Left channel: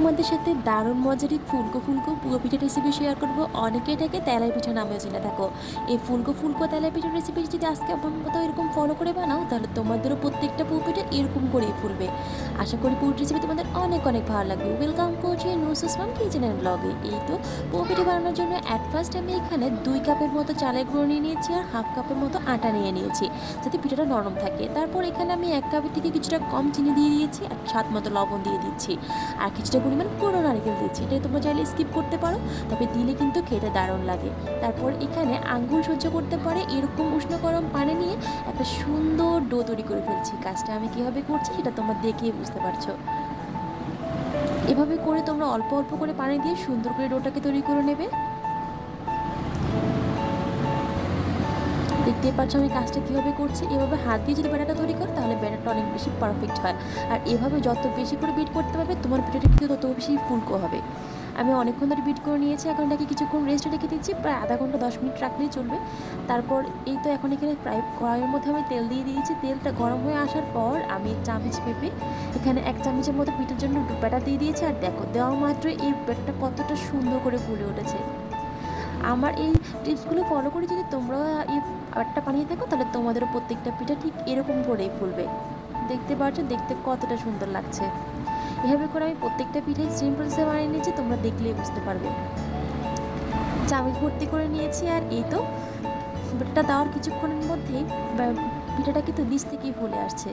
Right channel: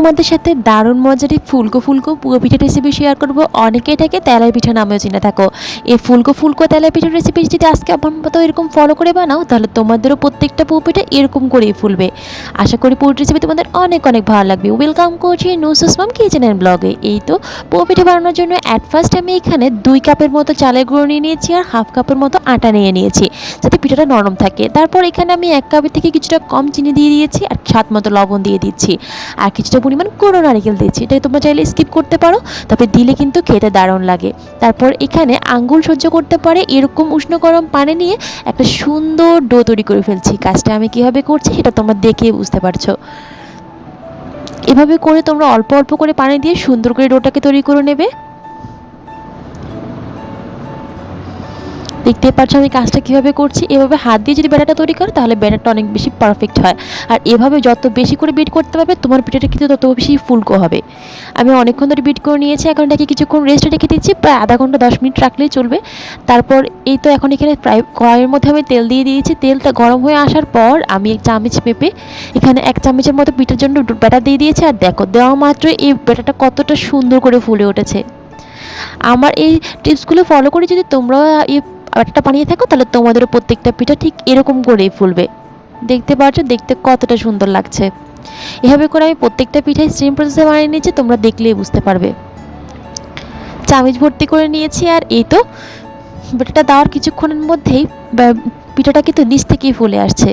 তোমাদের সাথে দারুণ মজার এই ফুলকো ফুলকো পুরো পিঠার রেসিপি শেয়ার করব। অনেকে এটাকে তেলের পিঠা নামেও চিনে থাকো। এই ফুলকো ফুলকো তেলের পিঠার রেসিপি যদি আজকে আমার মতো এরকম ফলো করে বানাও, তাহলে তোমাদেরও প্রত্যেকটা পুরো পিঠা এরকম করেই ফুলবে। আশা করি পুরো রেসিপি তোমাদের অনেক অনেক ভালো লাগবে। ওয়েলকাম করছি নুসুস মাম কিচেন এন্ড ব্লগে। এই তো পুরো পিঠা বানানোর জন্য অ্যাট ফার্স্ট আমি এখানে 2 কাপের মতো চালের গুঁড়ো নিয়ে নিয়েছি আর হাফ কাপের মতো আটা নিয়ে নিয়েছি, যাতে পিঠাটা নরম থাকে। তারপর এখানে আমি 1 কাপের থেকে কিছুটা কম চিনি দিয়ে দিয়েছি আর স্বাদ মতো লবণ দিয়ে দিচ্ছি আর কিছুটা পরিমাণ গুঁড়ো নারকেল দিচ্ছি। এটা তোমরা চাইলে স্কিপ করতে পারো, তবে দিলে কিন্তু খেতে দারুণ লাগে। তারপর এখানে আঙ্গুল সহ্য করতে পারে এরকম উষ্ণ গরম পানি নিয়ে একটা সুন্দর ডো তৈরি করে ফেলছি। কাজটা আমি কীভাবে করছি সেটা তোমরা দেখে বুঝতে পারছো। এভাবে করে তোমরা অল্প অল্প করে পানি দিয়ে সুন্দর করে ডোটাকে তৈরি করে নেবে। দেখতে পাচ্ছ আমি কাজটা কীভাবে করছি। এভাবে হাত দিয়ে যদি ব্যাটারটা তৈরি করো তাহলে ব্যাটারটা অনেক বেশি পারফেক্ট হয়। আর এভাবে যত বেশি করে বিট করতে পারবে তোমার পিঠাটা কিন্তু তত বেশি ফুলকো হবে। আমি অনেকক্ষণ ধরে বিট করে নিয়েছি, এখন এটাকে কিছুক্ষণ রেস্টে রেখে দিচ্ছি, প্রায় আধা ঘন্টা 10 মিনিট রাখলেই চলবে। তারপর এই তো এখন এখানে প্রায় কড়াইয়ের মধ্যে আমি তেল দিয়ে দিয়েছি। তেলটা গরম হয়ে আসার পর আমি 1 চামচ মেপে এখানে 1 চামচের মতো পিঠার জন্য ব্যাটার দিয়ে দিয়েছি। আর দেখো দেওয়া মাত্র এই ব্যাটারটা কতটা সুন্দর করে ফুলে উঠেছে। আমার এই টিপসগুলো ফলো করে যদি তোমরা এই ব্যাটারটা বানিয়ে থাকো, তাহলে তোমাদেরও প্রত্যেকটা পিঠা ঠিক এরকম করেই ফুলবে। দেখতে পাচ্ছ দেখতে কতটা সুন্দর লাগছে। এভাবে করে আমি প্রত্যেকটা পিঠাই সেম প্রসেসে বানিয়ে নিয়েছি, তোমরা দেখলেই বুঝতে পারবে। চামচ ভর্তি করে নিয়েছি আর এই তো ব্যাটারটা দেওয়ার কিছুক্ষণের মধ্যেই পিঠাটা কিন্তু নিচ থেকেই ফুলে আসছে।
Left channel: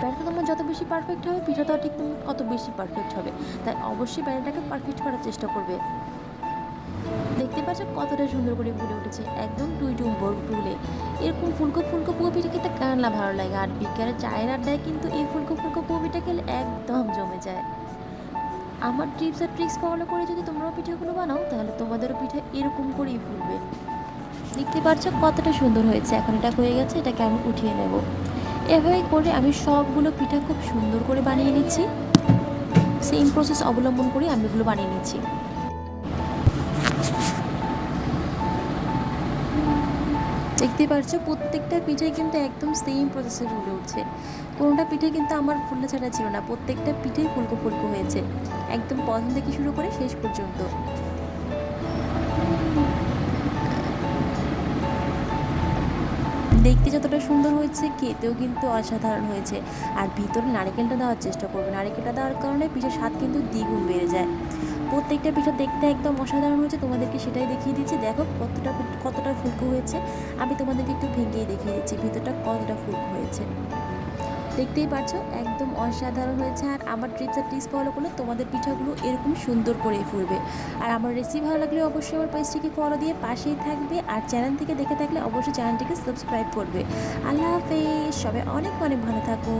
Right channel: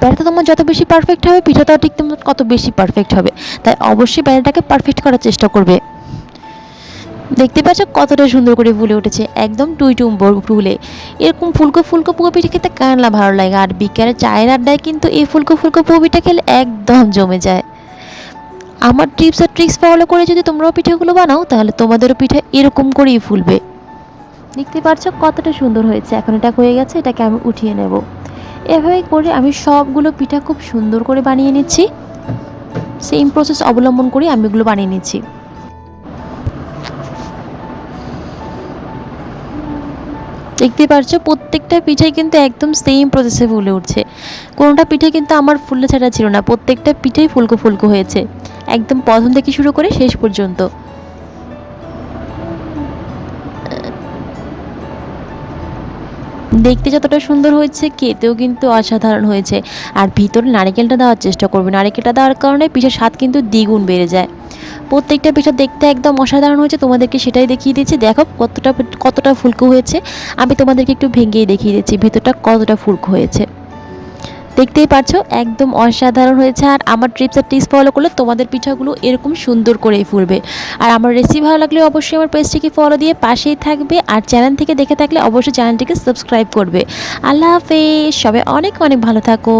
ব্যাটারটা তোমার যত বেশি পারফেক্ট হবে পিঠাটাও ঠিক তোমার কত বেশি পারফেক্ট হবে। তাই অবশ্যই ব্যাটারটাকে পারফেক্ট করার চেষ্টা করবে। দেখতে পাচ্ছ কতটা সুন্দর করে ফুলে উঠেছে, একদম টুইটুম ফুলে। এরকম ফুলকো ফুলকো পুরো পিঠা খেতে কার না ভালো লাগে। আর বিকেলে চায়ের আড্ডায় কিন্তু এই ফুলকো ফুলকো পুরো পিঠা খেলে একদম জমে যায়। আমার টিপস আর ট্রিক্স ফলো করে যদি তোমরাও পিঠাগুলো বানাও, তাহলে তোমাদেরও পিঠা এরকম করেই ফুলবে। দেখতে পাচ্ছ কতটা সুন্দর হয়েছে। এখন এটা হয়ে গেছে, এটাকে আমি উঠিয়ে নেব। এভাবে করে আমি সবগুলো পিঠা খুব সুন্দর করে বানিয়ে নিচ্ছি। সেম প্রসেস অবলম্বন করে আমি এগুলো বানিয়ে নিচ্ছি। দেখতে পাচ্ছ প্রত্যেকটা পিঠাই কিন্তু একদম সেম প্রসেসে ফুলে উঠছে। কোনোটা পিঠে কিন্তু আমার ফুলে ছাড়া ছিল না, প্রত্যেকটা পিঠেই ফুলকো ফুলকো হয়েছে, একদম প্রথম থেকে শুরু করে শেষ পর্যন্ত। দেখতে যতটা সুন্দর হয়েছে খেতেও কিন্তু অসাধারণ হয়েছে। আর ভিতরে নারকেলটা দেওয়ার চেষ্টা করবে, নারকেলটা দেওয়ার কারণে পিঠার স্বাদ কিন্তু দ্বিগুণ বেড়ে যায়। প্রত্যেকটা পিঠা দেখতে একদম অসাধারণ হয়েছে, তোমাদেরকে সেটাই দেখিয়ে দিচ্ছি। দেখো কতটা কতটা ফুলকো হয়েছে। আমি তোমাদেরকে একটু ভেঙেই দেখিয়ে দিচ্ছি ভিতরটা কতটা ফুলকো হয়েছে। দেখতেই পাচ্ছ একদম অসাধারণ হয়েছে। আর আমার টিপস আর ট্রিক্স ফলো করলে তোমাদের পিঠাগুলো এরকম সুন্দর করেই ফুলবে। আর আমার রেসিপি ভালো লাগলে অবশ্যই আমার পেজটিকে ফলো দিয়ে পাশেই থাকবে। আর চ্যানেল থেকে দেখে থাকলে অবশ্যই চ্যানেলটিকে সাবস্ক্রাইব করবে। আল্লাহ হাফেজ, সবাই অনেক অনেক ভালো থাকো।